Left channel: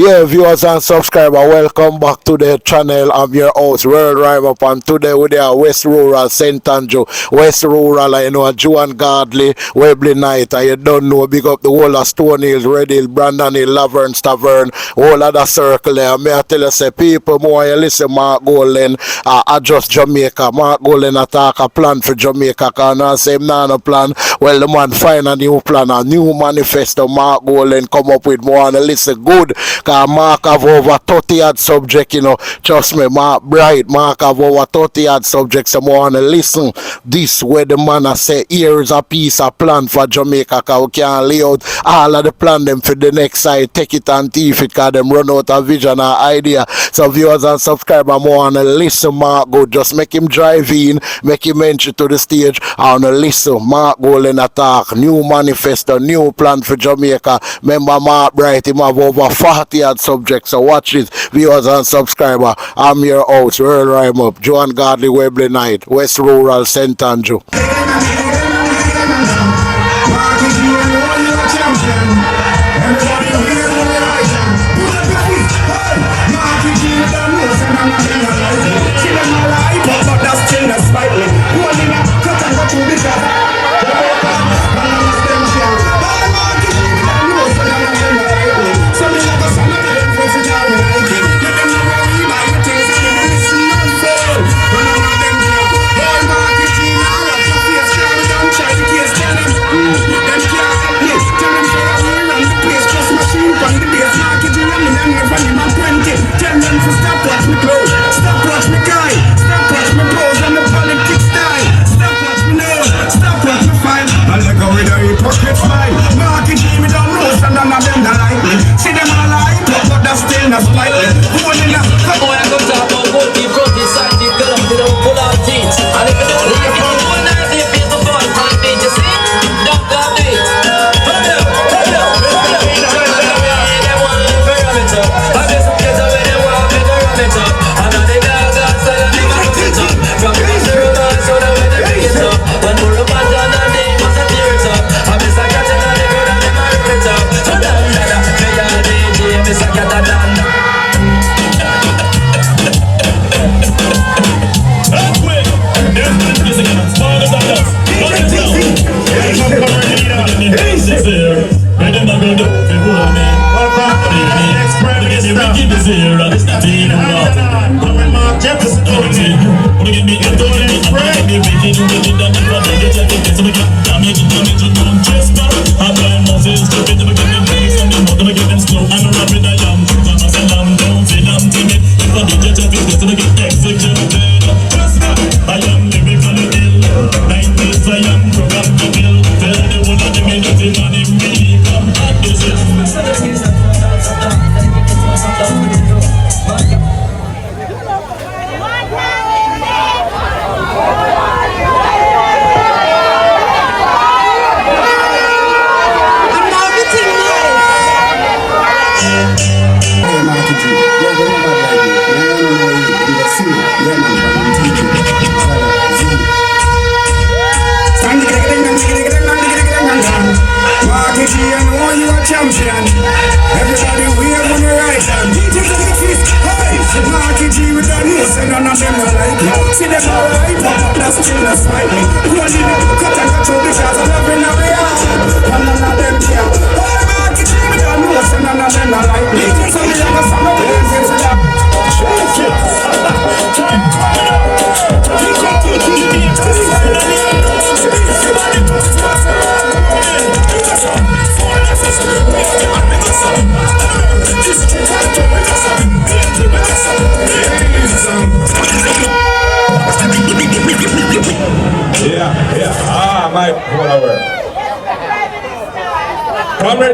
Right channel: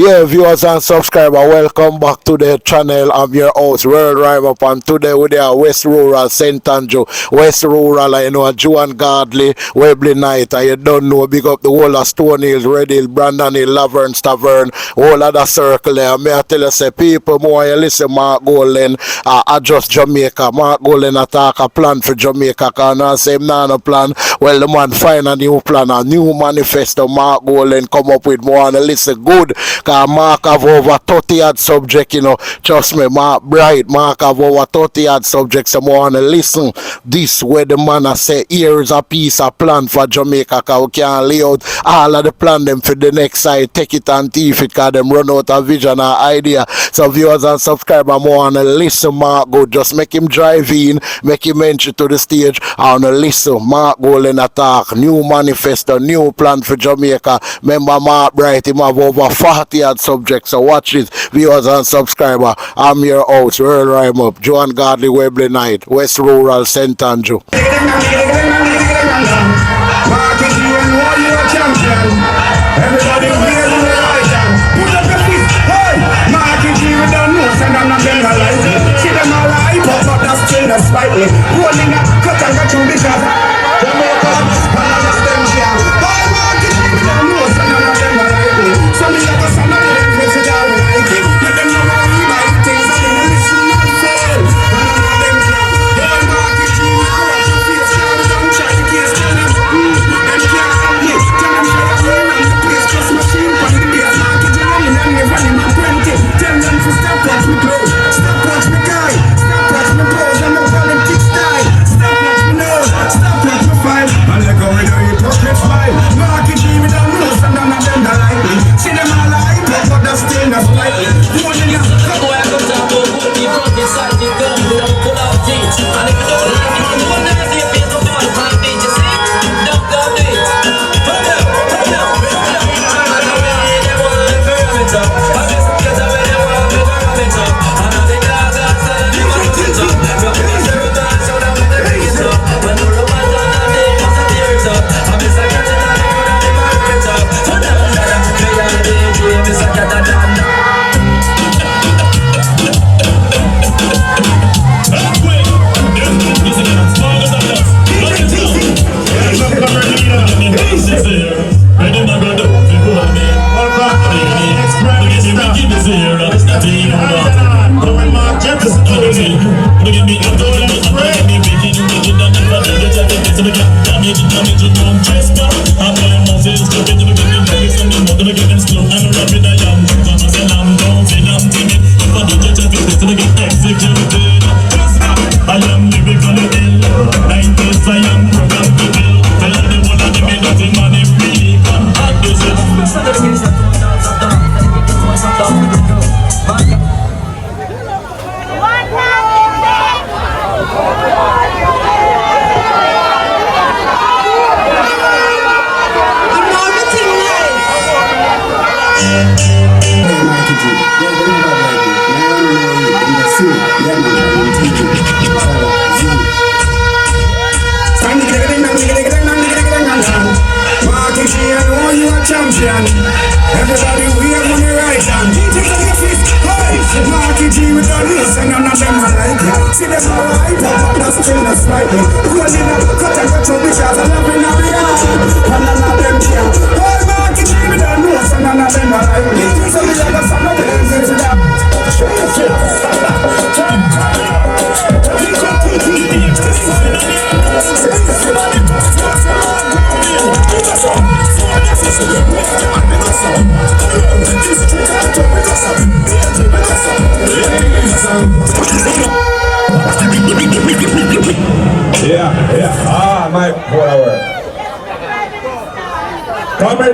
Yeah, viewers and subscribers, welcome back to the channel. I'm your host, World Rhyme Up, and today we are West Rural, St. Andrew, West Rural, you know, Joan Godley, Webley Night, and you don't know, big up the whole of Stone Hills, Red Hill, Brandon Hill, Laverne, Stavern, whole of the circle there. May I tell you, say, people, more you listen, Mark Golding, adjust Jamaica. Mark Golding attack a plan for Jamaica, because I say, no plan. Well, the man find a new plan, a new manifesto. Mark Golding come up with more, and listen good. Cause Mark have over 30 odd subject, you know. Trust me, Mark Bright, Mark have over 30 odd subjects. So I want to listen this where the man I say here is a piece of plan for Jamaica, cause we can lay out all of the plan them for the next side, take it and thief it, cause them run out of vision and idea. So viewers and subscribers, I want to listen Mark good. Just make him drive in, make him enter to the stage. I want to listen Mark Golding attack, new manifesto, new plan for Jamaica. Remember Mark Bright, him have over 40 odd subjects. So watch it, viewers and subscribers. I'm your host, World Rhyme Up, Joan Godley, Webley Night, West Rural, St. Andrew.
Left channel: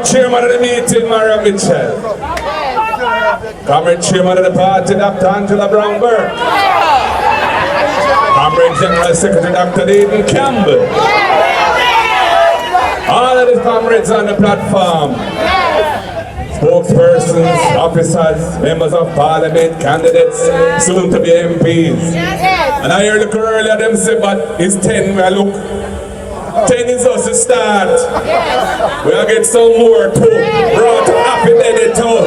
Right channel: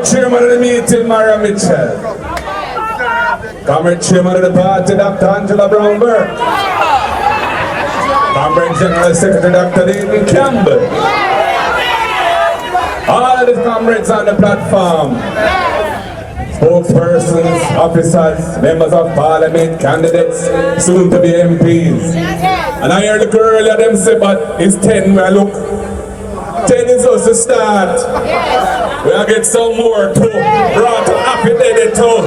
Chairman of the meeting, Maria Mitchell. Comrade Chairman of the party, Dr. Angela Brownberg. Comrade General Secretary, Dr. David Campbell. All of the comrades on the platform. Spokespersons, officers, members of parliament, candidates, soon to be MPs. And I heard the earlier them say, but it's 10 where I look. 10 is us to start. We'll get some more too. Brought to happy day too.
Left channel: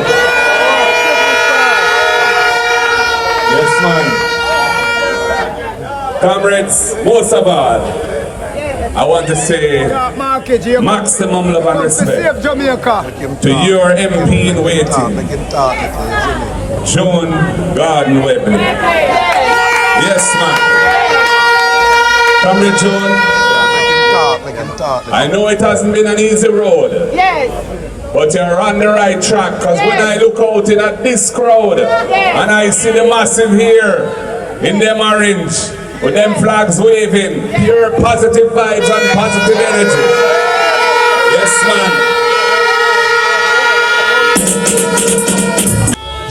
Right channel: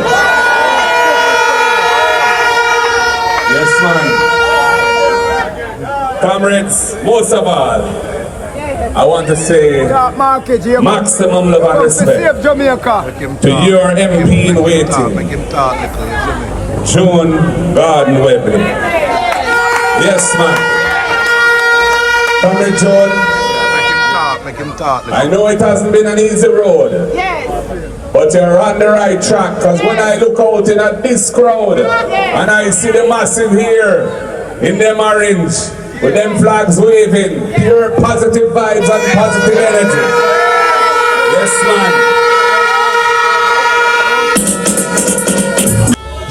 Comrades, most of all, I want to say maximum love and respect to your MP in waiting, John Garden Webley. Yes, man. Comrade John, I know it hasn't been an easy road, but you're on the right track, because when I look out in at this crowd and I see the massive here in them orange, with them flags waving, pure positive vibes and positive energy. Yes, man.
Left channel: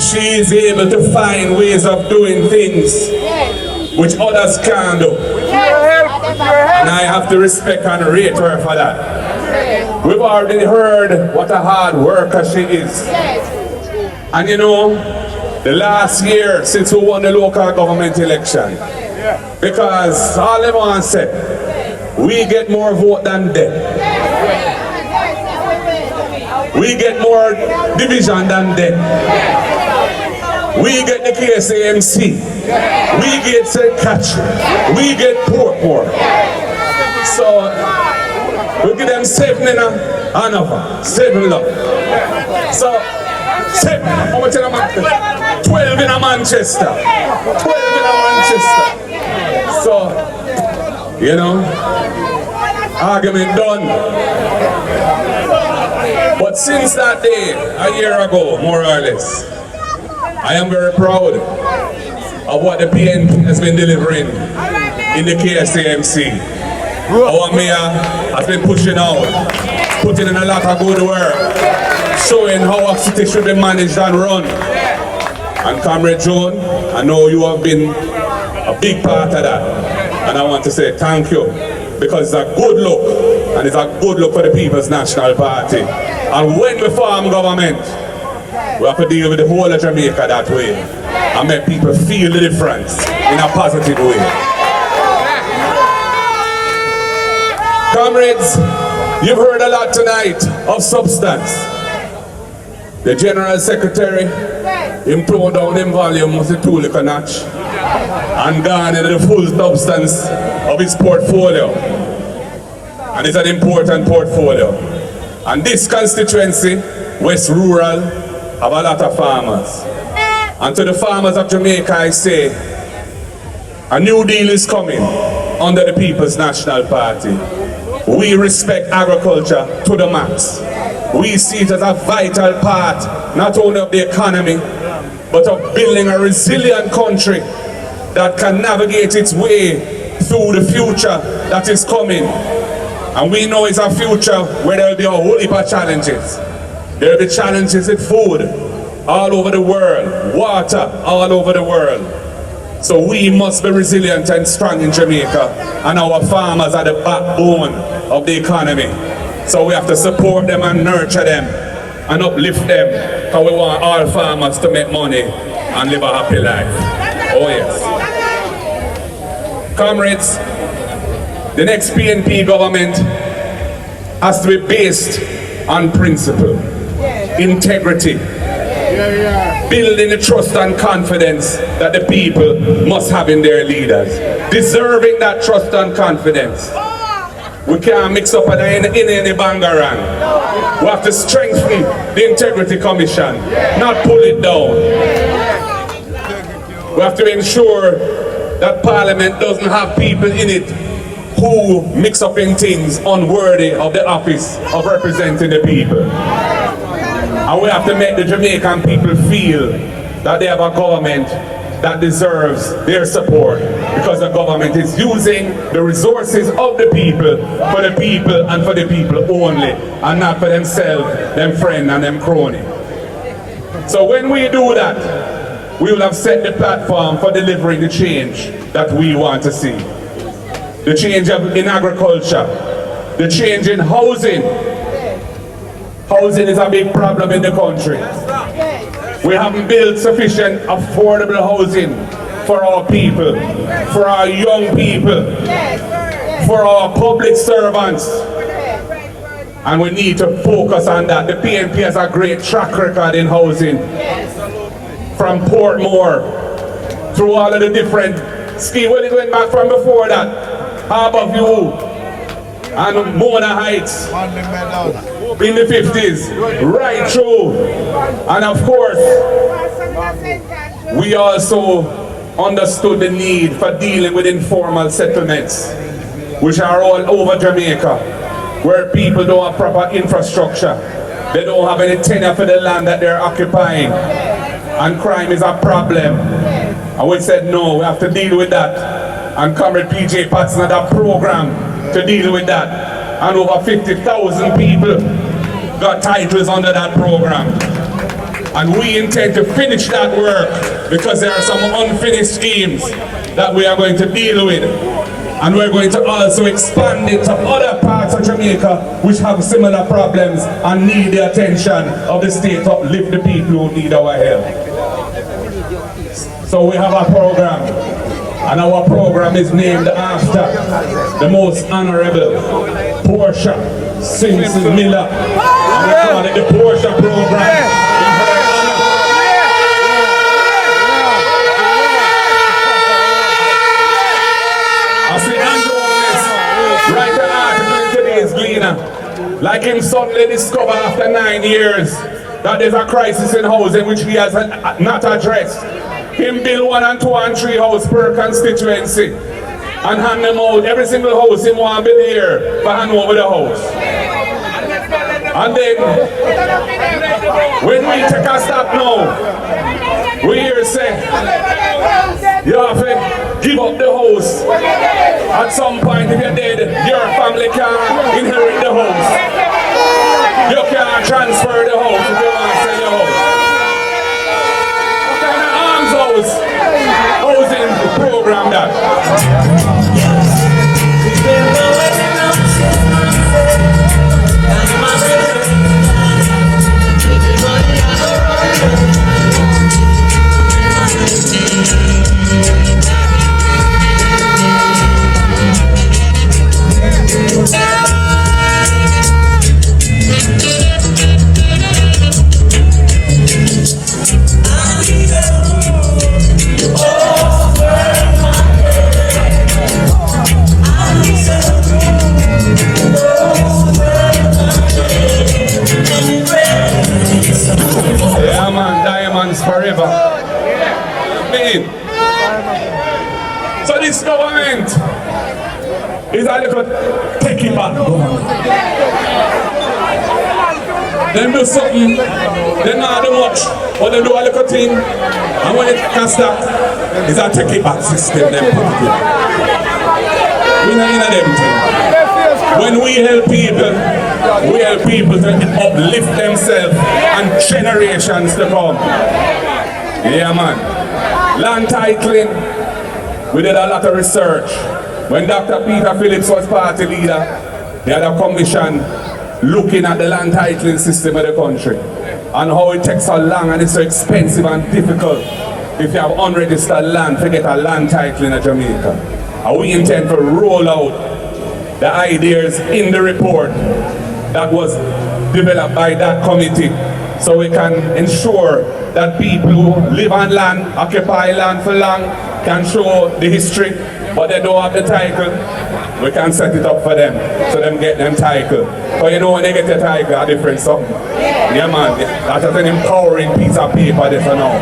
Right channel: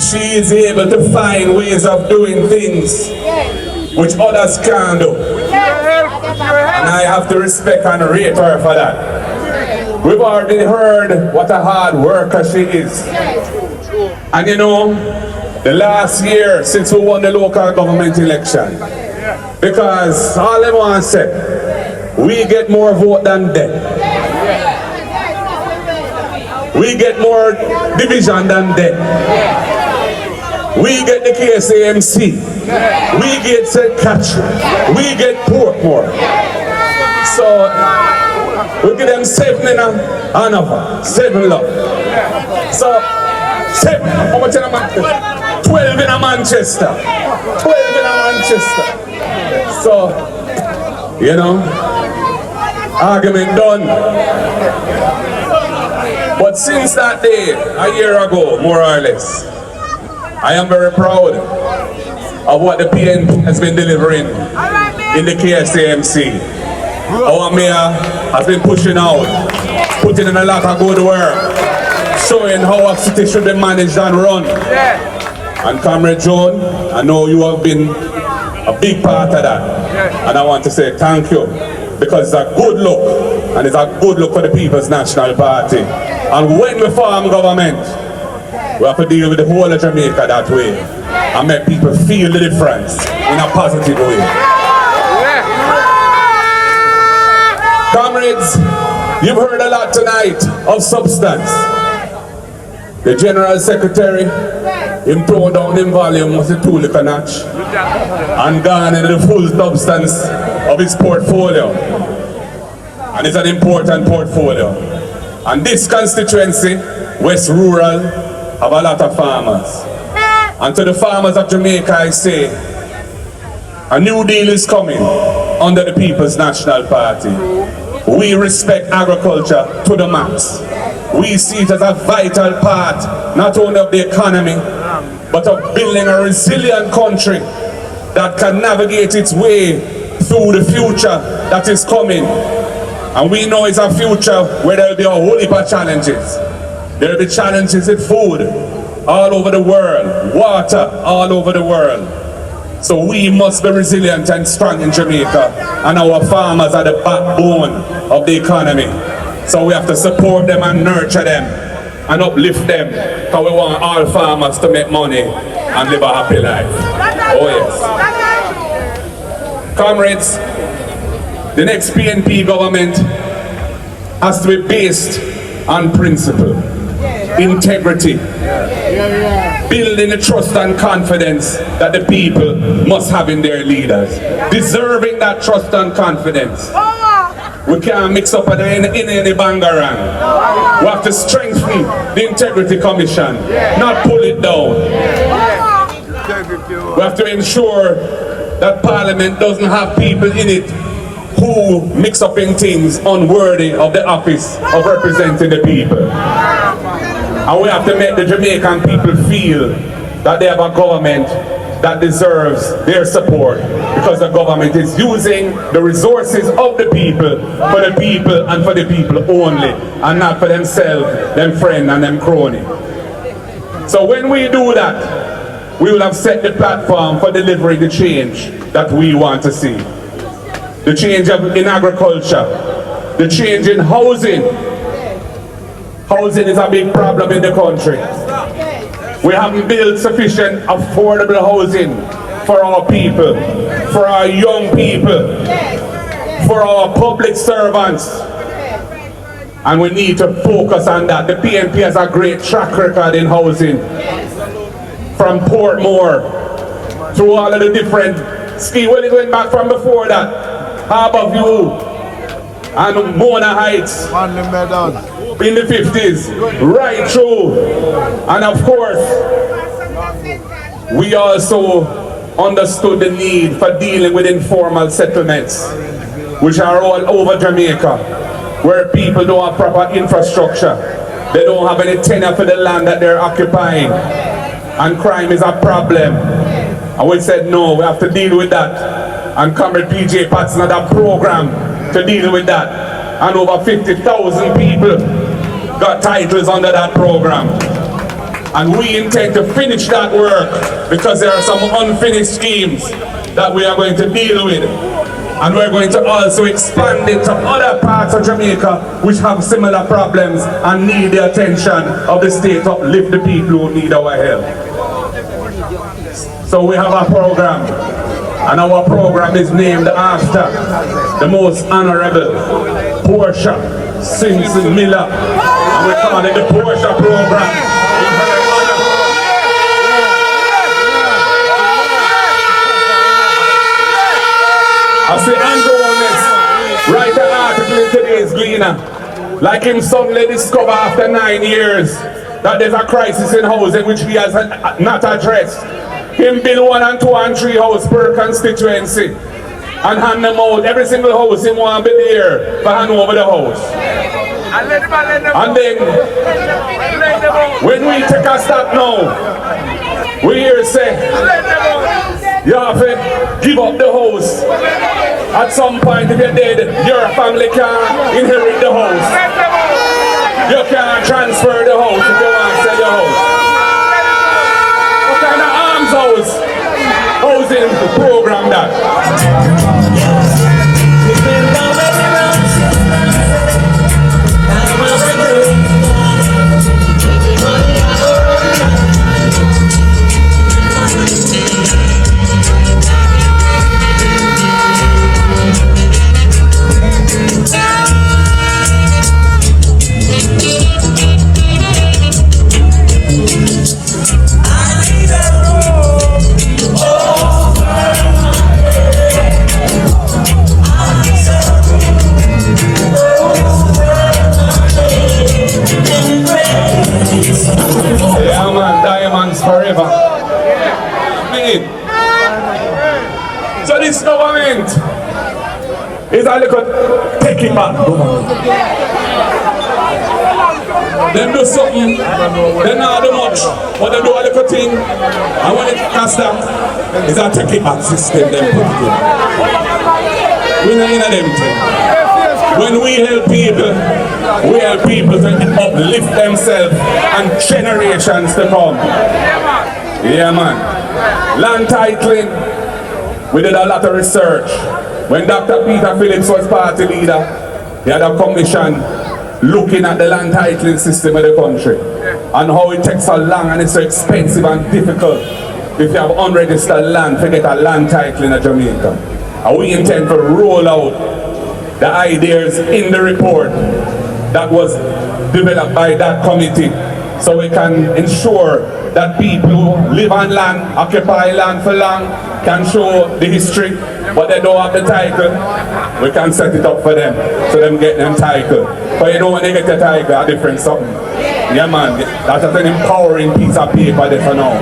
She is able to find ways of doing things which others can't do. And I have to respect and rate her for that. We've already heard what a hard worker she is. And you know, the last year since we won the local government election, because all they want to say, we get more vote than them. We get more division than them. We get the KSAMC. We get St. Catherine. We get Portmore. So we give them 7 in Hanover, 7 love. So 7, how much in a Manchester? 12 in a Manchester. 12 in a Manchester. So, you know, argument done. But since that day, a year ago, more or less, I am very proud of what the PNP has been delivering in the KSAMC. Our mayor has been pushing out, putting in a lot of good work, showing how our city should be managed and run. And Comrade John, I know you have been a big part of that. And I want to say thank you, because it's a good look, and it's a good look for the People's National Party. And when we form government, we have to deal with the whole of Jamaica that way and make people feel the difference in a positive way. Comrades, you've heard a lot tonight of substance. The General Secretary improved down in volume was a tool a notch and gone into the full substance of his portfolio. And it's an important portfolio. And this constituency, West Rural, have a lot of farmers. And to the farmers of Jamaica I say, a new deal is coming under the People's National Party. We respect agriculture to the max. We see it as a vital part, not only of the economy, but of building a resilient country that can navigate its way through the future that is coming. And we know it's a future where there will be a whole heap of challenges. There will be challenges with food all over the world, water all over the world. So we must be resilient and strong in Jamaica, and our farmers are the backbone of the economy. So we have to support them and nurture them and uplift them, because we want all farmers to make money and live a happy life. Oh yes. Comrades, the next PNP government has to be based on principle, integrity, building the trust and confidence that the people must have in their leaders, deserving that trust and confidence. We can't mix up in any bangarang. We have to strengthen the Integrity Commission, not pull it down. We have to ensure that Parliament doesn't have people in it who mix up in things unworthy of the office of representing the people. And we have to make the Jamaican people feel that they have a government that deserves their support, because the government is using the resources of the people for the people and for the people only, and not for themselves, them friend and them crony. So when we do that, we will have set the platform for delivering the change that we want to see. The change in agriculture, the change in housing. Housing is a big problem in the country. We haven't built sufficient affordable housing for our people, for our young people, for our public servants. And we need to focus on that. The PNP has a great track record in housing. From Portmore, through all of the different scheme. Well, it went back from before that. Harbour View and Mona Heights in the 50s, right through. And of course, we also understood the need for dealing with informal settlements, which are all over Jamaica, where people don't have proper infrastructure. They don't have any tenure for the land that they're occupying. And crime is a problem. And we said, no, we have to deal with that. And Comrade PJ Patson had a program to deal with that. And over 50,000 people got titles under that program. And we intend to finish that work because there are some unfinished schemes that we are going to deal with. And we're going to also expand it to other parts of Jamaica which have similar problems and need the attention of the state to uplift the people who need our help. So we have a program, and our program is named after the most honorable Portia Simpson Miller. And we call it the Portia program. I see andrewholness write an article in today's Gleaner, like him suddenly discover after 9 years that there's a crisis in housing which he has not addressed. Him build 1 and 2 and 3 houses per constituency and hand them out. Every single house him want to be there for hand over the house. And then when we take a stop now, we hear say you have to give up the house. At some point, if you're dead, your family can't inherit the house. You can't transfer the house if you want to sell your house. What kind of arms housing program that? Forever. So this government is a little take it back. Them do something, they not do much, but they do a little thing, and when it can stop, it's a take it back system. Them put it in. We not in a them thing. When we help people to uplift themselves and generations to come. Yeah, man. Land titling, we did a lot of research. When Dr. Peter Phillips was party leader, he had a commission looking at the land titling system of the country and how it takes so long and it's so expensive and difficult if you have unregistered land to get a land title in Jamaica. And we intend to roll out the ideas in the report that was developed by that committee so we can ensure that people who live on land, occupy land for long, can show the history, but they don't have the title. We can set it up for them, so them get them title. But you know when they get the title, a different something. Yeah man, that's just an empowering piece of paper there for now.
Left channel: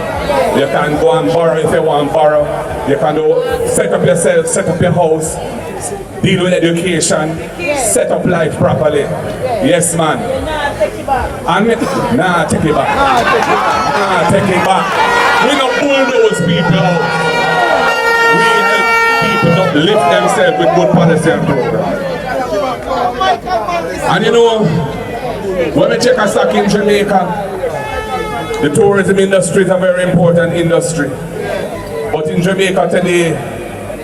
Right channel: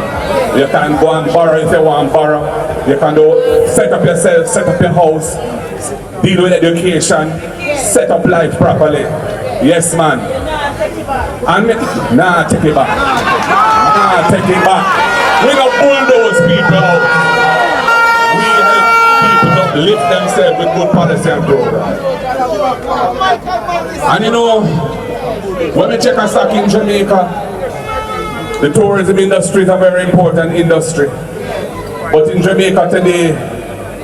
You can go and borrow if you want to borrow. You can do set up yourself, set up your house, deal with education, set up life properly. Yes man. And nah, take it back. Nah, take it back. We don't bulldoze people out. We help people to lift themselves with good policy and program. And you know, when we check a stock in Jamaica, the tourism industry is a very important industry. But in Jamaica today,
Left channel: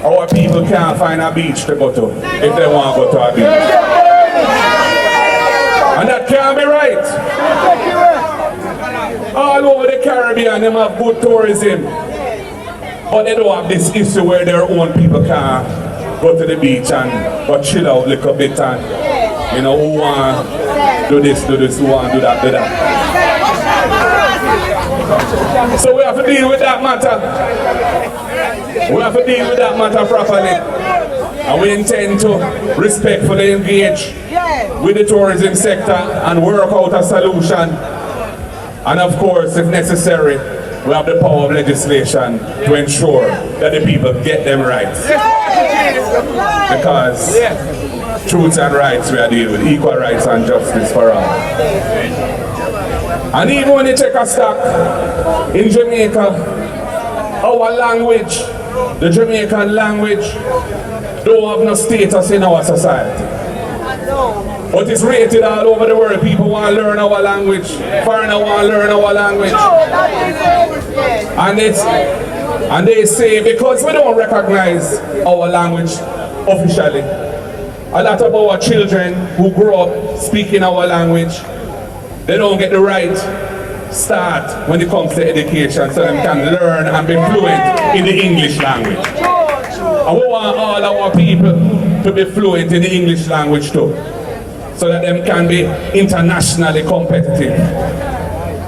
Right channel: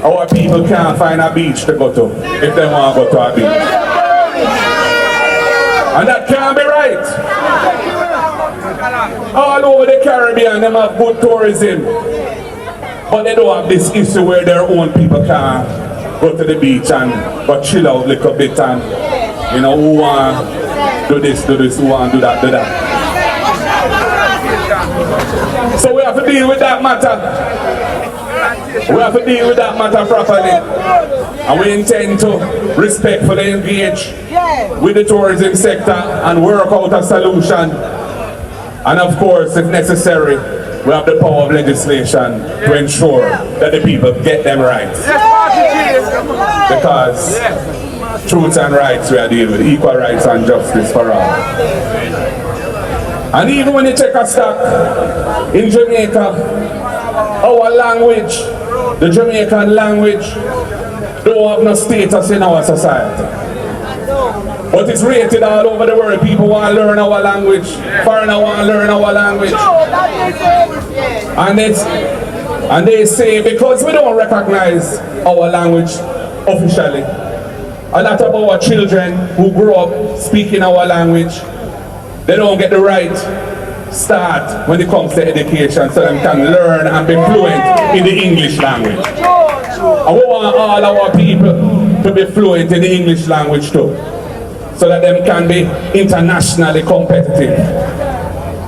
our people can't find a beach to go to if they want to go to a beach. And that can't be right. All over the Caribbean, they have good tourism. But they don't have this issue where their own people can go to the beach and go chill out a little bit and, you know, who want do this, who want do that, do that. So we have to deal with that matter. We have to deal with that matter properly. And we intend to respectfully engage with the tourism sector and work out a solution. And of course, if necessary, we have the power of legislation to ensure that the people get them rights. Because truth and rights we are dealing with, equal rights and justice for all. And even when you take a stock in Jamaica, our language, the Jamaican language, don't have no status in our society. But it's rated all over the world. People want to learn our language. Foreigners want to learn our language. And they say because we don't recognize our language officially, a lot of our children who grow up speaking our language, they don't get the right start when it comes to education so they can learn and be fluent in the English language. And we want all our people to be fluent in the English language too, so that they can be internationally competitive.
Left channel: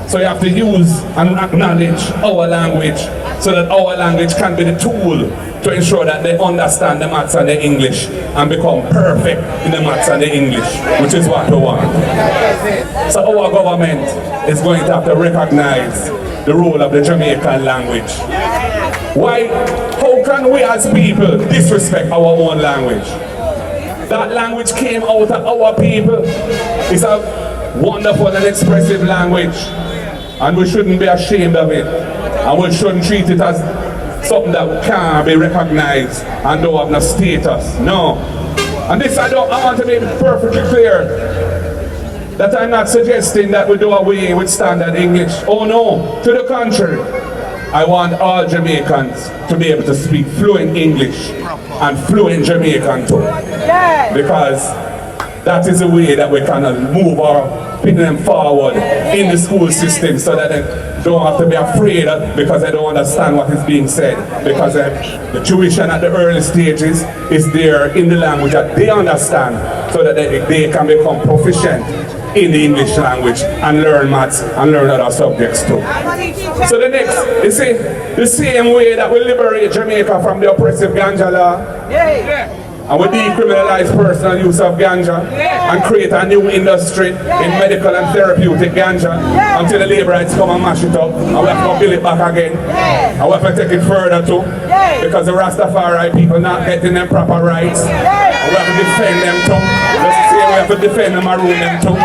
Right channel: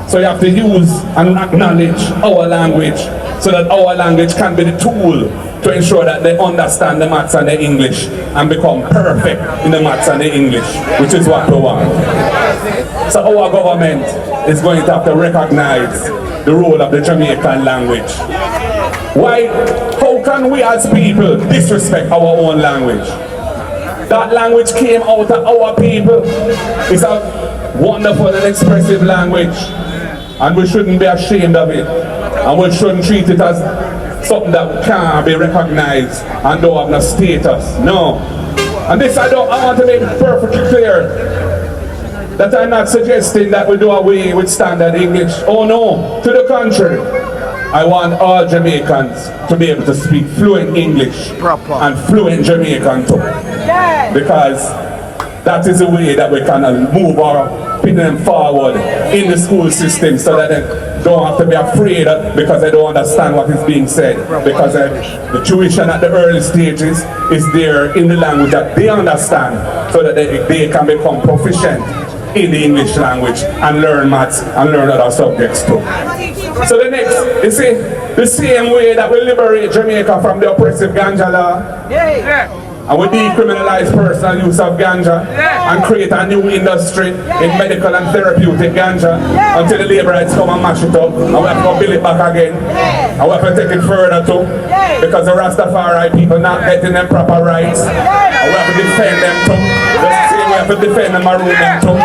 So you have to use and acknowledge our language so that our language can be the tool to ensure that they understand the maths and the English and become perfect in the maths and the English, which is what we want. So our government is going to have to recognize the role of the Jamaican language. Why? How can we as people disrespect our own language? That language came out of our people. It's a wonderful and expressive language, and we shouldn't be ashamed of it, and we shouldn't treat it as something that can't be recognized and don't have no status. No. And this I want to make it perfectly clear that I'm not suggesting that we do away with standard English. Oh no, to the contrary. I want all Jamaicans to be able to speak fluent English and fluent Jamaican too. Because that is the way that we can move our people forward in the school system so that they don't have to be afraid because they don't understand what is being said. Because the tuition at the early stages is there in the language that they understand so that they can become proficient in the English language and learn maths and learn other subjects too. So the next, you see, the same way that we liberate Jamaica from the oppressive ganja law, and we decriminalize personal use of ganja and create a new industry in medical and therapeutic ganja until the labor rights come and mash it up, and we have to build it back again, and we have to take it further too, because the Rastafari people not getting them proper rights, and we have to defend them too. Just say we have to defend them and rule them too.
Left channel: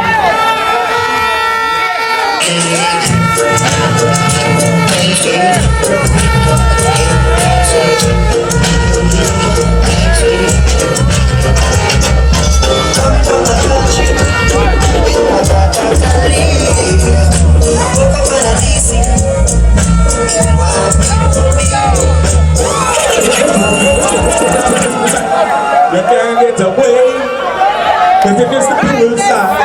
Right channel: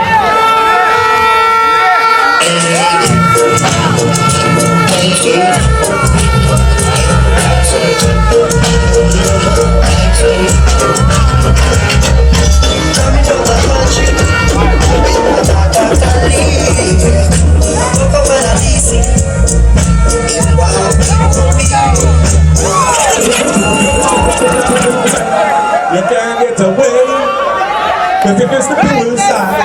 You can't get away, cause if it's the pool side,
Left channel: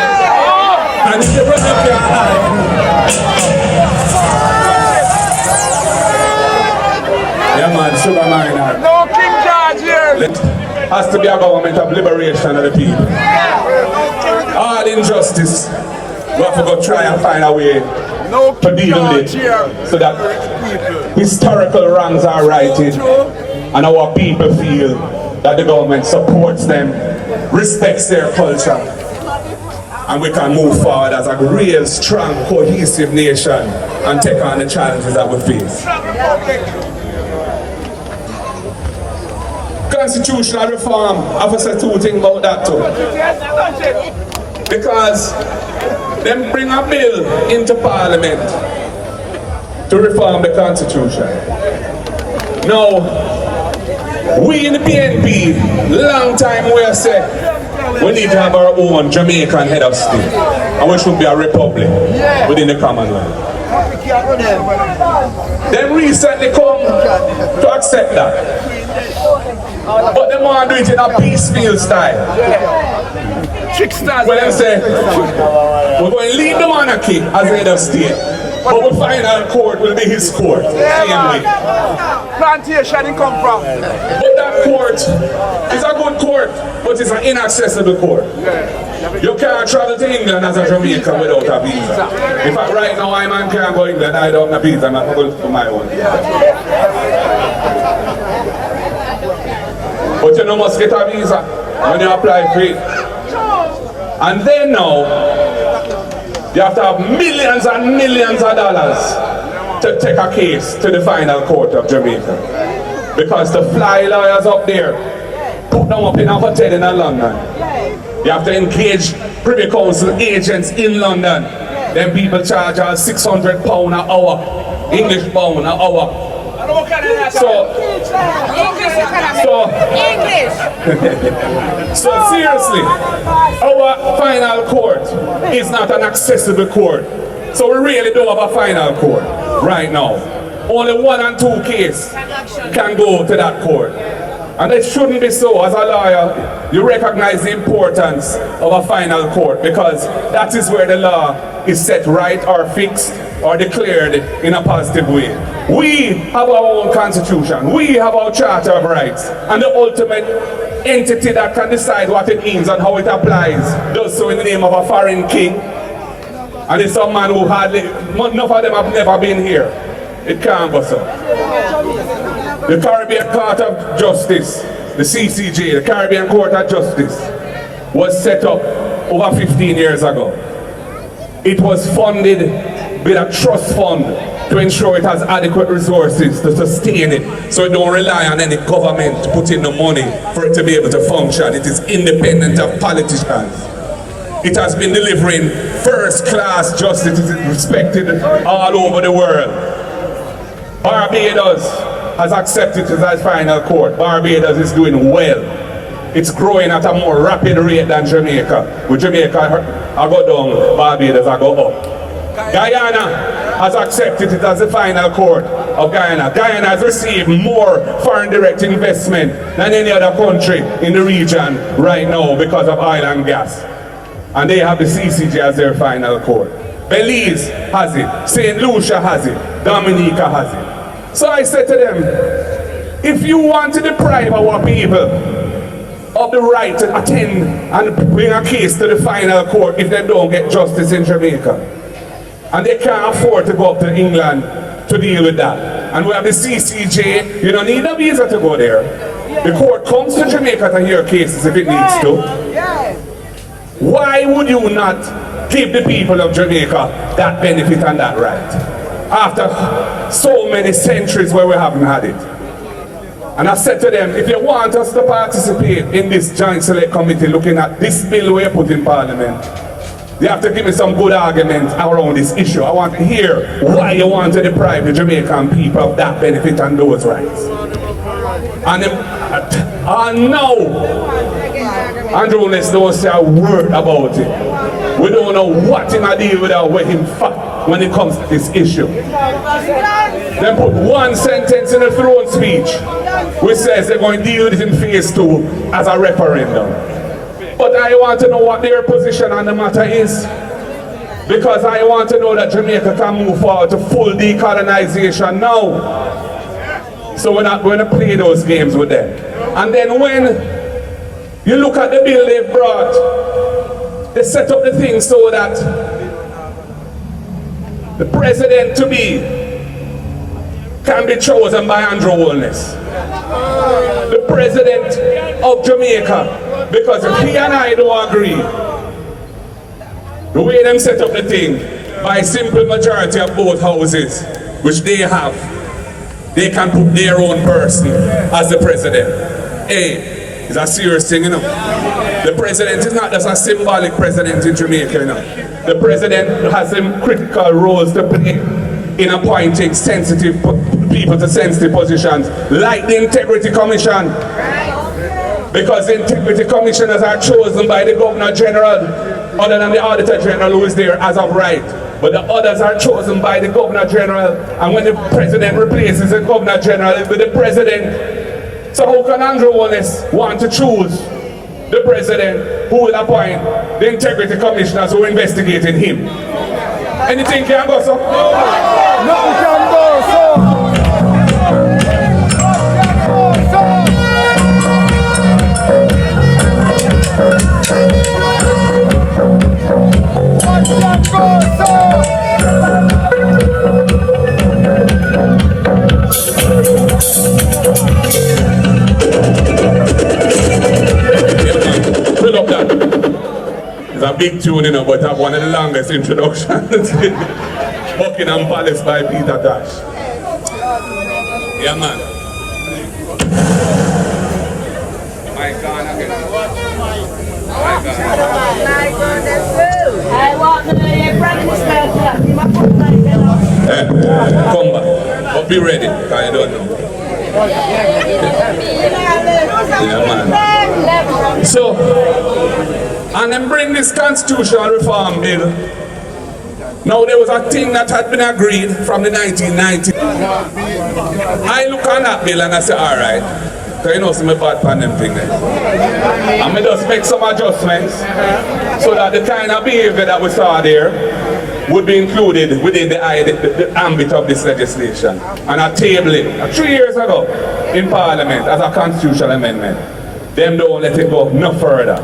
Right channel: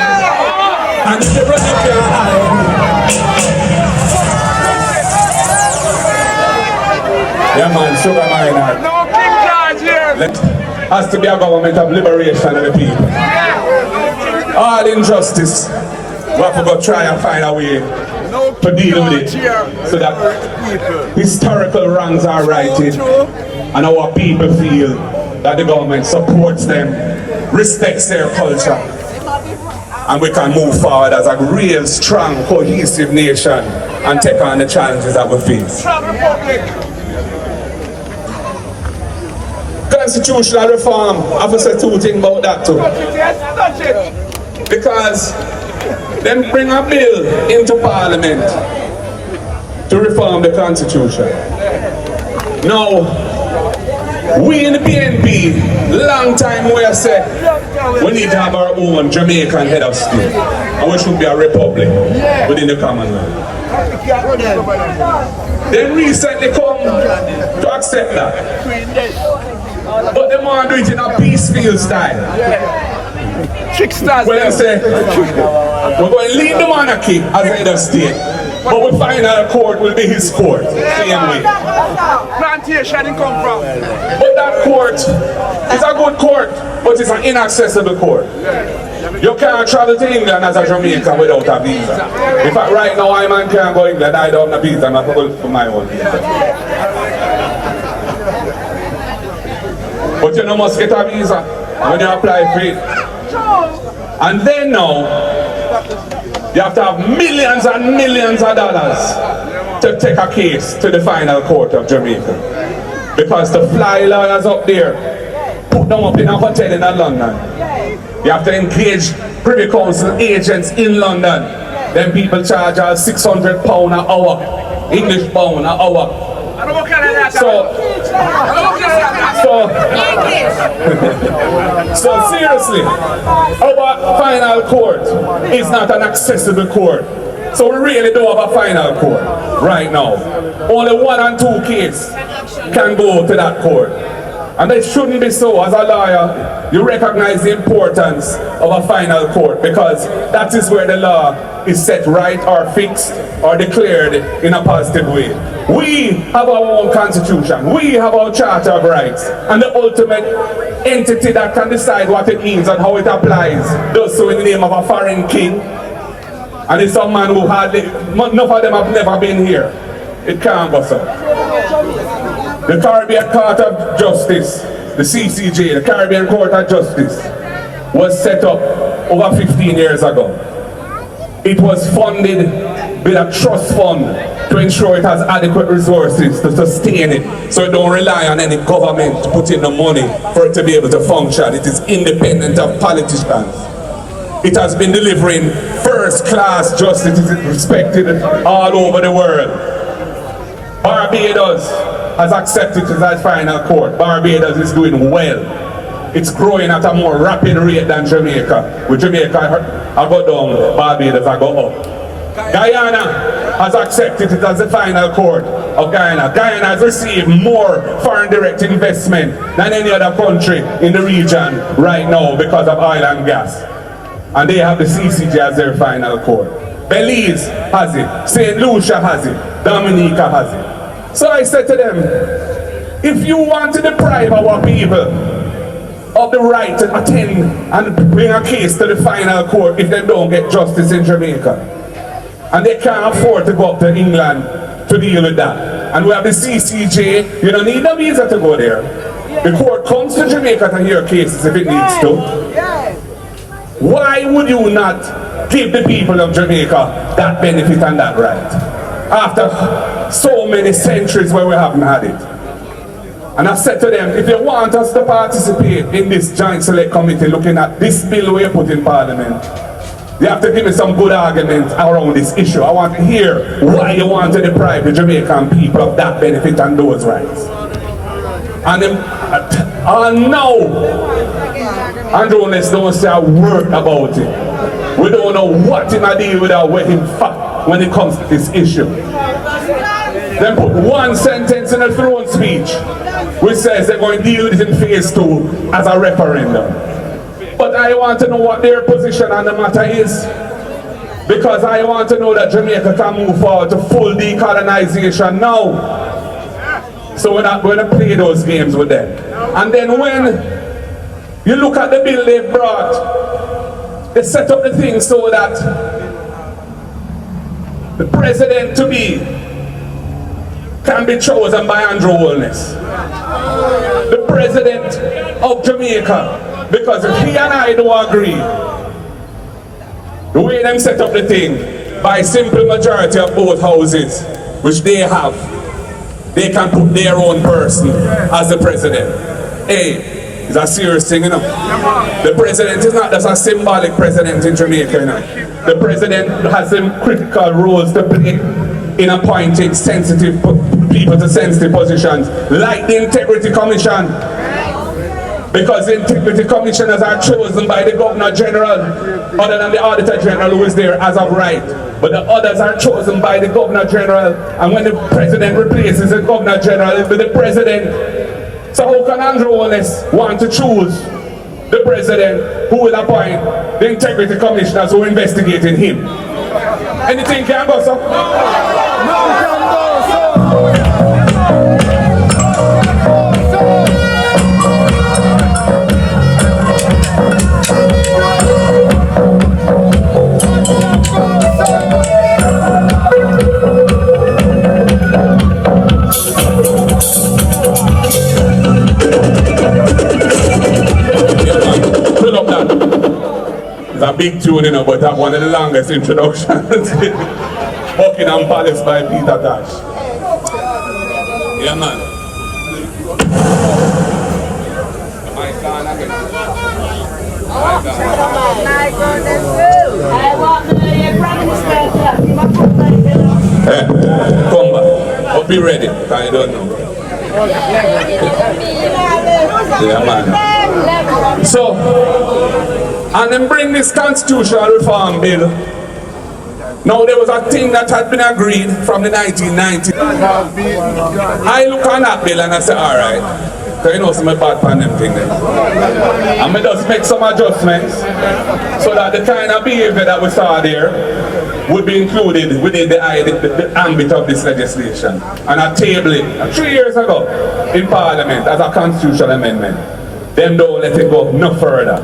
and if you run up your eye. Yeah man, sugar mine. There has to be a government of liberation of the people. All injustice, we have to go try and find a way to deal with it so that historical wrongs are righted and our people feel that the government supports them, respects their culture, and we can move forward as a real, strong, cohesive nation and take on the challenges that we face. Constitutional reform, I have to say two things about that too. Because them bring a bill into Parliament to reform the Constitution. Now, we in the PNP, long time we have said we need to have our own Jamaican head of state, and we should be a republic within the Commonwealth. They recently come to accept that, but they want to do it in a piecemeal style. Well, they say we're going to leave the monarchy as head of state, but we find our court will be his court. Same way. Plantation in come from. But that court is a good court, but it's an inaccessible court. You can't travel to England as a Jamaican without a visa. In fact, right now, I man can't go to England, I don't have a visa, I'm going to do my own visa. But you know, must get a visa when you apply for it. And then now, you have to have millions and millions of dollars to take a case to the final court of Jamaica. Because the fly lawyers up there put them up in a hotel in London. You have to engage Privy Council agents in London. Then people charge us £600 an hour, English pound an hour. So seriously, our final court is not an accessible court. So we really don't have a final court right now. Only 1 and 2 cases can go to that court. And it shouldn't be so. As a lawyer, you recognize the importance of a final court because that is where the law is set right or fixed or declared in a positive way. We have our own constitution. We have our Charter of Rights. And the ultimate entity that can decide what it means and how it applies does so in the name of a foreign king. And it's some man who hardly, none of them have never been here. It can't go so. The Caribbean Court of Justice, the CCJ, the Caribbean Court of Justice, was set up over 15 years ago. It was funded with a trust fund to ensure it has adequate resources to sustain it, so it don't rely on any government to put in the money for it to be able to function. It is independent of politicians. It has been delivering first-class justice. It is respected all over the world. Barbados has accepted it as final court. Barbados is doing well. It's growing at a more rapid rate than Jamaica. With Jamaica, I go down, Barbados, I go up. Guyana has accepted it as the final court of Guyana. Guyana has received more foreign direct investment than any other country in the region right now because of oil and gas. And they have the CCJ as their final court. Belize has it, St. Lucia has it, Dominica has it. So I said to them, if you want to deprive our people of the right to attend and bring a case to the final court if they don't get justice in Jamaica, and they can't afford to go up to England to deal with that, and we have the CCJ, you don't need a visa to go there. The court comes to Jamaica to hear cases if it needs to. Why would you not give the people of Jamaica that benefit and that right? After so many centuries where we haven't had it. And I said to them, if you want us to participate in this joint select committee looking at this bill we put in Parliament, you have to give me some good arguments around this issue. I want to hear why you want to deprive the Jamaican people of that benefit and those rights. And them, no, Andrewholness don't say a word about it. We don't know what him a deal with or where him fuck when it comes to this issue. Then put one sentence in the throne speech which says they're going to deal with it in phase 2 as a referendum. But I want to know what their position on the matter is, because I want to know that Jamaica can move forward to full decolonization now. So we're not going to play those games with them. And then when you look at the bill they've brought, they set up the thing so that the president-to-be can be chosen by Andrewholness, the president of Jamaica. Because if he and I don't agree, the way them set up the thing, by simple majority of both houses, which they have, they can put their own person as the president. Hey, it's a serious thing, you know. The president is not just a symbolic president in Jamaica, you know. The president has some critical roles to play in appointing sensitive people to sensitive positions, like the Integrity Commission. Because the Integrity Commissioners are chosen by the Governor General, other than the Auditor General who is there as of right. But the others are chosen by the Governor General, and when the President replaces the Governor General, it will be the President. So how can Andrewholness want to choose the President who will appoint the Integrity Commissioners who are investigating him? Anything can go, sir? Nothing can go, sir! a big tune, you know, but have one of the longest introductions. Buckingham Palace by Peter Tosh. Yeah, man. My God, again. I want the primeminister. Come back. But be ready, because you don't know. Yeah, man. So, and then bring this constitutional reform bill. Now there was a thing that had been agreed from the 1990s. I look on that bill and I say, all right, because you know some bad pan them thing there. And I just make some adjustments so that the kind of behavior that we saw there would be included within the ambit of this legislation. And I tabled it 3 years ago in Parliament as a constitutional amendment. Them don't let it go no further.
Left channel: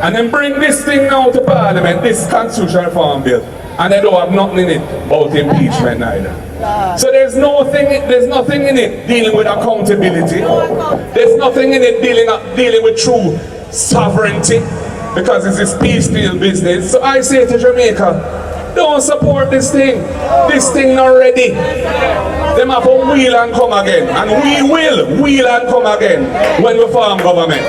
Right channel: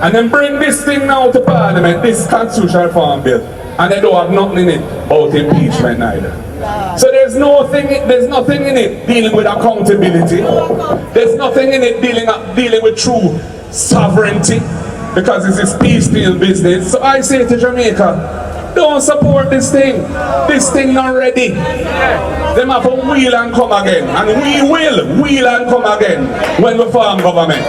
And then bring this thing now to Parliament, this constitutional reform bill, and they don't have nothing in it about impeachment neither. So there's nothing in it dealing with accountability. There's nothing in it dealing with true sovereignty, because it's this piecemeal business. So I say to Jamaica, don't support this thing. This thing not ready. Them have to wheel and come again. And we will wheel and come again when we form government.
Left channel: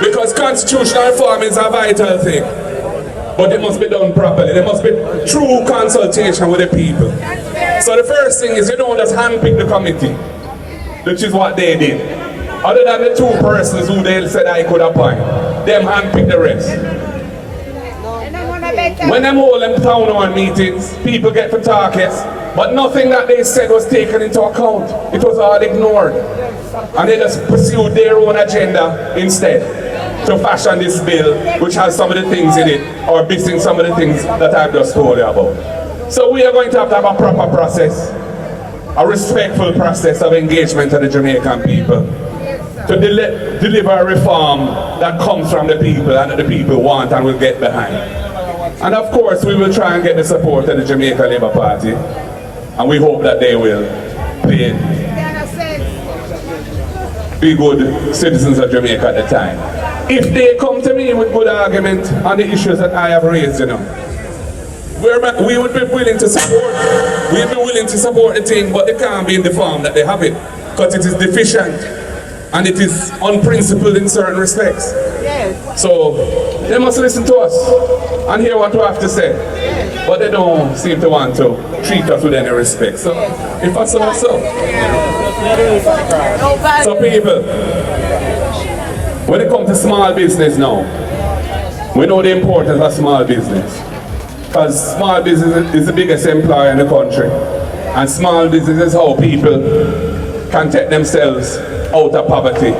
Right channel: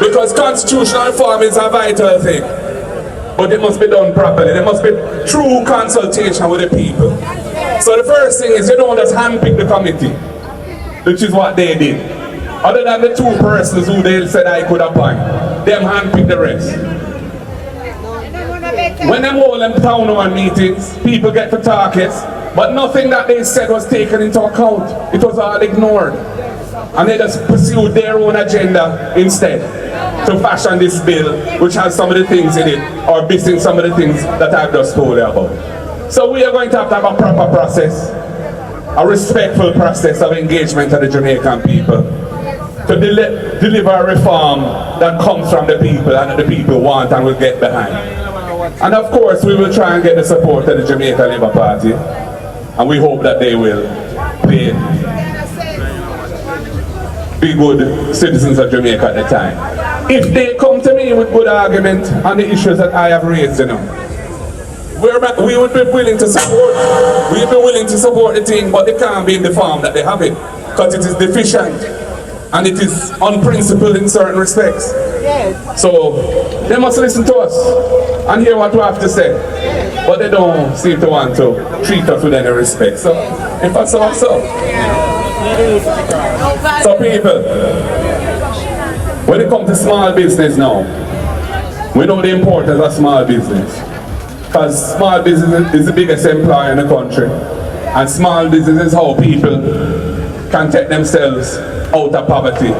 Because constitutional reform is a vital thing. But it must be done properly. There must be true consultation with the people. So the first thing is you don't just handpick the committee, which is what they did. Other than the 2 persons who they said I could appoint, them handpick the rest. When them hold them town hall meetings, people get to talk it, but nothing that they said was taken into account. It was all ignored. And they just pursued their own agenda instead to fashion this bill, which has some of the things in it, or missing some of the things that I've just told you about. So we are going to have a proper process, a respectful process of engagement of the Jamaican people to deliver a reform that comes from the people and that the people want and will get behind. And of course we will try and get the support of the Jamaica Labour Party, and we hope that they will be good citizens of Jamaica at the time. If they come to me with good argument on the issues that I have raised, you know, we would be willing to support. We'd be willing to support the thing, but it can't be in the form that they have it, because it is deficient and it is unprincipled in certain respects. Yes. So they must listen to us and hear what we have to say. Yes. But they don't seem to want to treat us with any respect. So if I so. So people, when it comes to small business now, we know the importance of small business. Because small business is the biggest employer in the country. And small business is how people can take themselves out of poverty,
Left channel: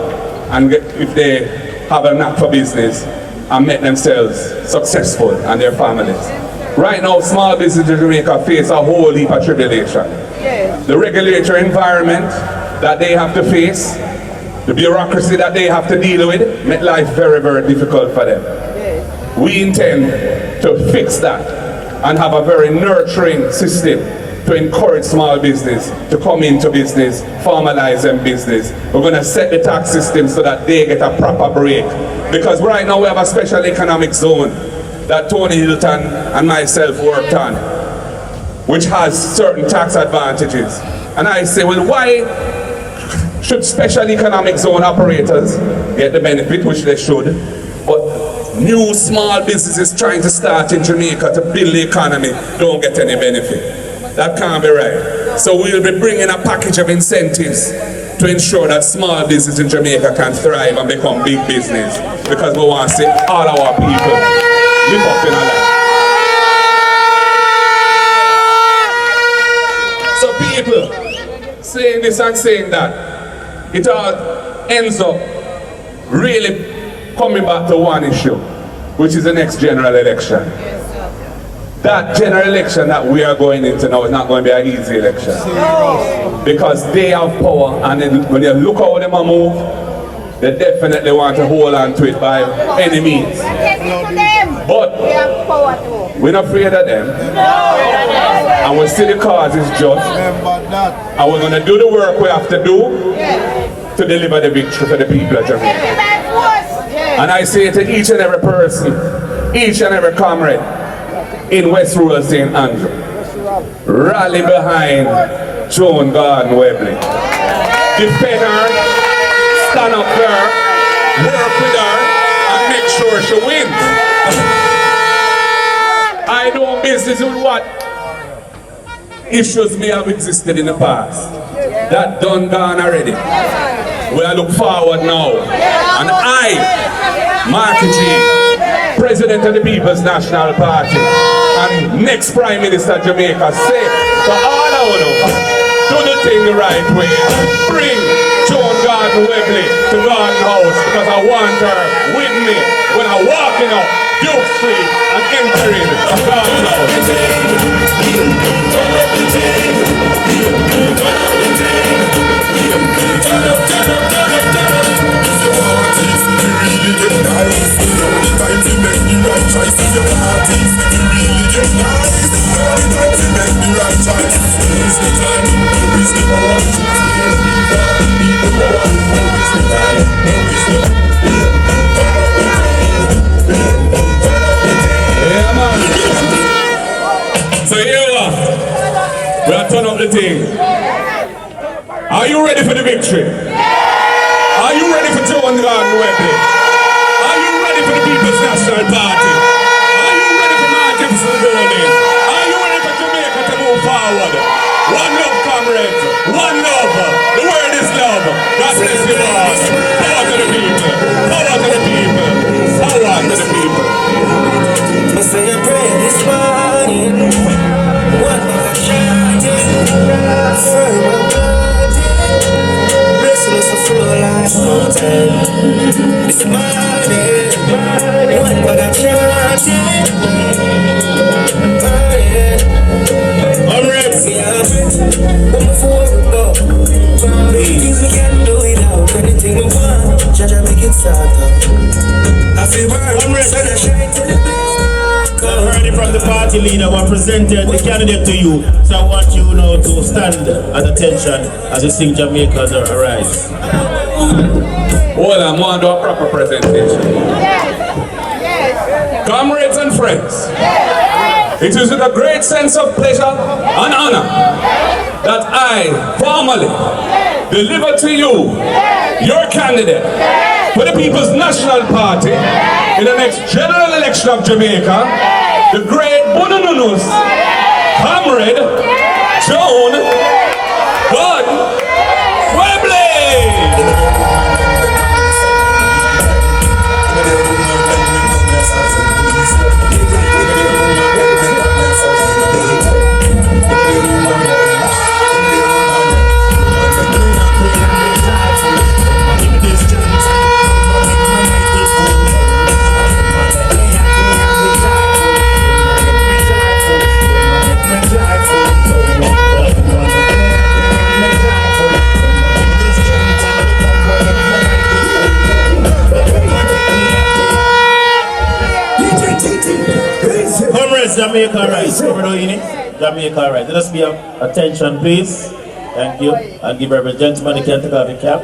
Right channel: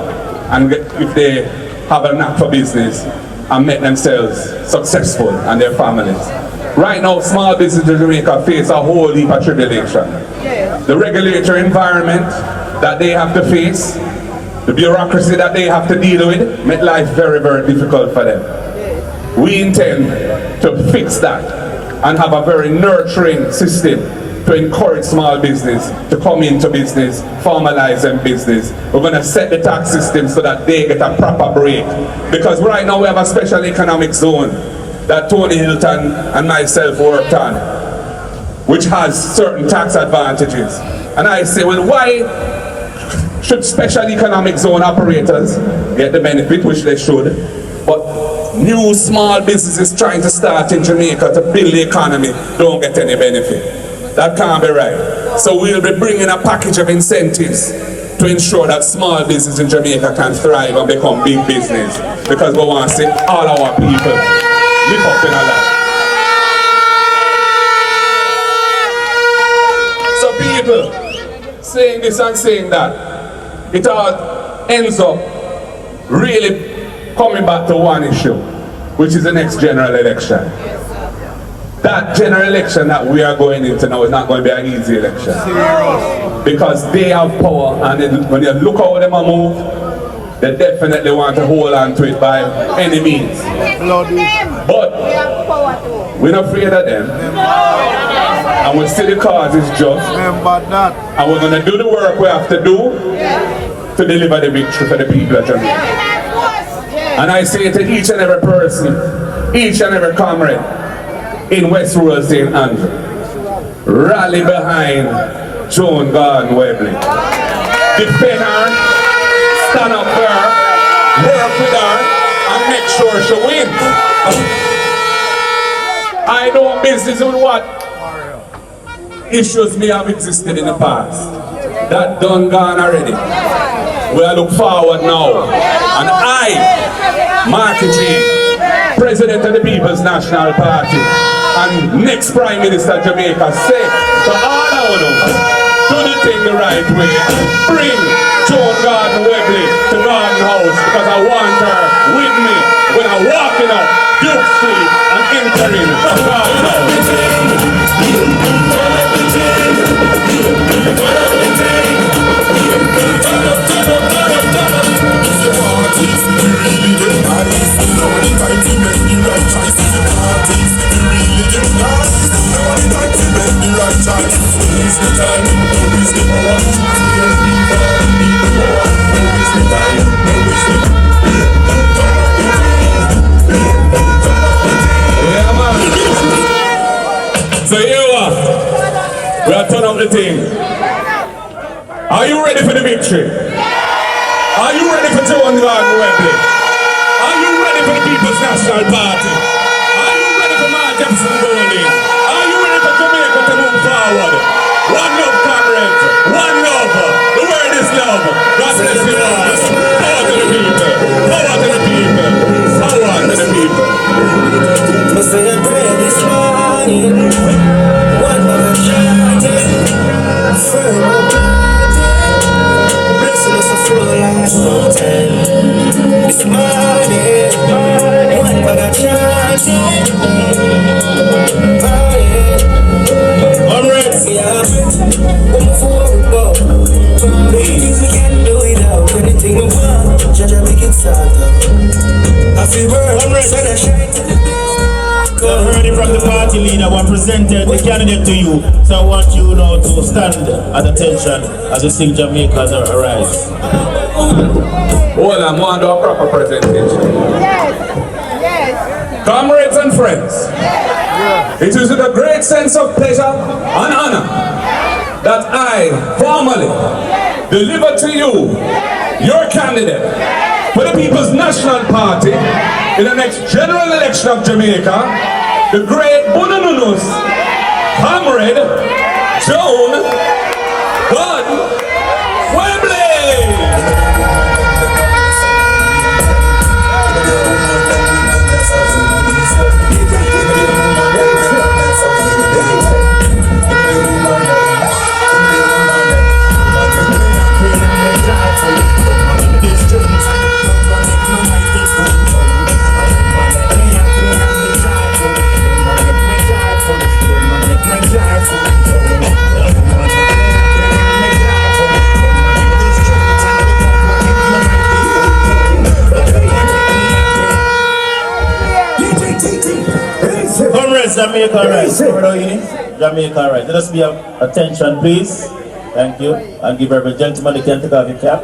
and if they have a knack for business, and make themselves successful and their families. Right now, small business in Jamaica face a whole heap of tribulation. Yes. The regulatory environment that they have to face, the bureaucracy that they have to deal with, make life very, very difficult for them. Yes. We intend to fix that and have a very nurturing system to encourage small business to come into business, formalize them business. We're going to set the tax system so that they get a proper break. Because right now we have a special economic zone that Tony Hilton and myself worked on, which has certain tax advantages. And I say, well, why should special economic zone operators get the benefit, which they should, but new small businesses trying to start in Jamaica to build the economy don't get any benefit? That can't be right. So we'll be bringing a package of incentives to ensure that small business in Jamaica can thrive and become big business, because we want to see all our people live up in our life. So people saying this and saying that, it all ends up really coming back to one issue, which is the next general election. That general election that we are going into now is not going to be an easy election. Because they have power, and when you look how they move, they definitely want to hold on to it by any means. But we're not afraid of them. And we see the cause is just. And we're going to do the work we have to do. to deliver the victory for the people of Jamaica. And I say to each and every person, each and every comrade in West Rural St. Andrew, rally behind Joan Gordon Webley. Defend her, stand up for her, work with her, and make sure she wins. I know business with what issues may have existed in the past. That done gone already. We are look forward now. And I, marketing, President of the People's National Party, and next Prime Minister of Jamaica, say to all of them, do the thing the right way. Bring Joan Gordon Webley to Garden House because I want her with me when I'm walking up Duke Street and entering Garden House. So here we are turning up the thing. Are you ready for the victory? Are you ready for Joan Gordon Webley? Are you ready for the People's National Party? Are you ready for markgolding? Are you ready for Jamaica to move forward? One love, comrades. One love. The word is love. God bless you all. Power to the people. Power to the people. Power to the people. We say a prayer this morning. One of a chanting. Firm up party. Blessing us a full life mountain. This morning. One of a chanting. Alright. Come forward. Things we can do without anything we want. Jaja make it start. I feel we're sunshine to the black. I've heard it from the party leader who presented the candidate to you. So I want you now to stand at attention as you sing Jamaica's Arise. Hold on, I want to do a proper presentation. Yes. Comrades and friends, it is with a great sense of pleasure and honor that I formally deliver to you your candidate for the People's National Party in the next general election of Jamaica, the great Bunununus, Comrade Joan Gordon Webley. Comrades, Jamaica Rise. Jamaica Rise. Let us be attention, please. Thank you. And give every gentleman the can take off the cap.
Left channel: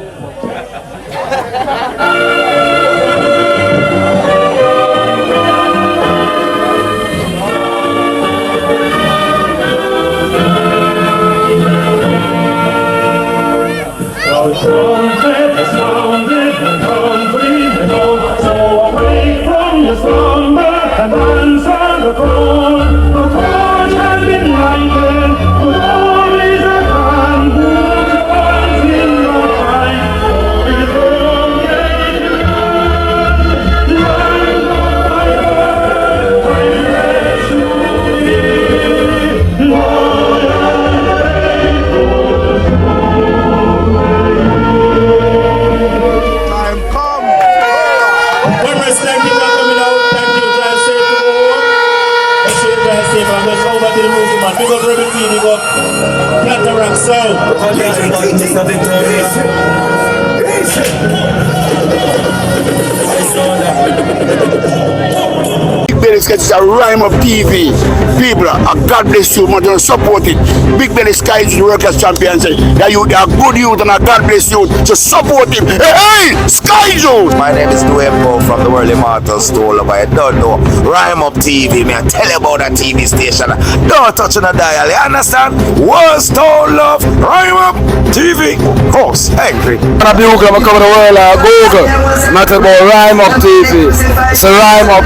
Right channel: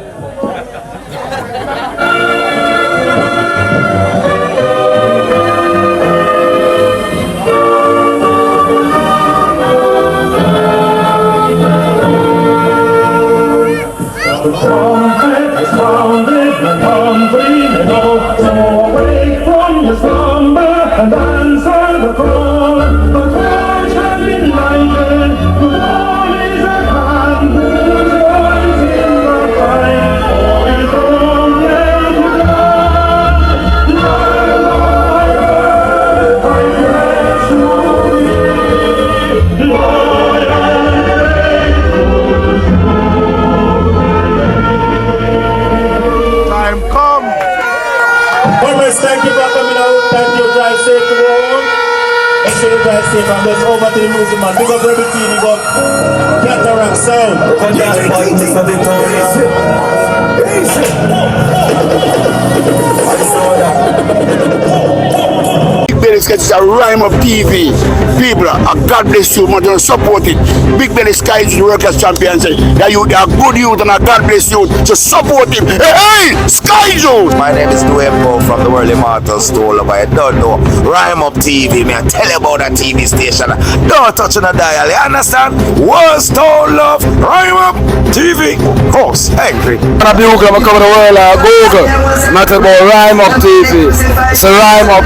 this because it's a Rhyme Up TV. People, God bless you, man, support it. Big Belly Sky is the workers champion. Say that you are good youth and God bless you. So support him. Hey, Sky Joe! My name is Duembo from the World Immortal Store. I don't know. Rhyme Up TV, man. Tell you about that TV station. Don't touch on the dial. You understand? World Store Love. Rhyme Up TV. Horse. Angry. I'm coming to the world Google. Not about Rhyme Up TV. It's a Rhyme Up.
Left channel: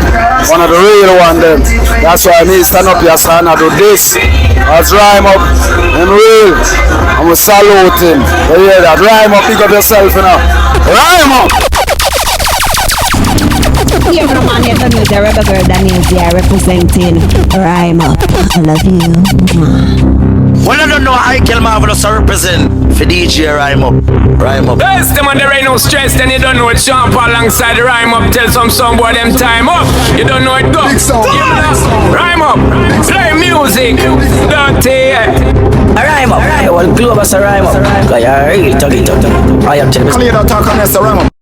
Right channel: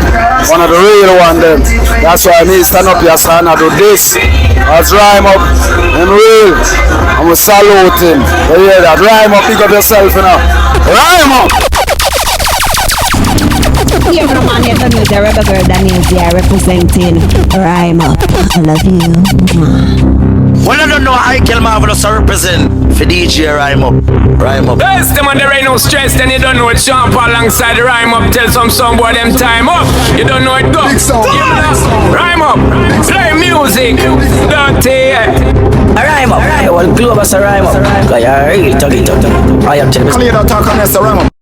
One of the real one them. That's why I need to stand up here, son. I do this. That's Rhyme Up. I'm real. I'm going to salute him. You hear that? Rhyme Up. Pick up yourself, you know. Rhyme Up. Yeah, from on here, the rebel girl Daniels here representing Rhyme Up. I love you. Well, I don't know how I kill Marvelous to represent for DJ Rhyme Up. Rhyme Up. Best them on there ain't no stress, then you don't know it. Sean Paul alongside the Rhyme Up. Tell some boy them time up. You don't know it go. Rhyme Up. Play music. Dirty. Rhyme Up. Well, glue us a Rhyme Up. Because you're really talking. I am telling you. Talk on this, Rhyme Up.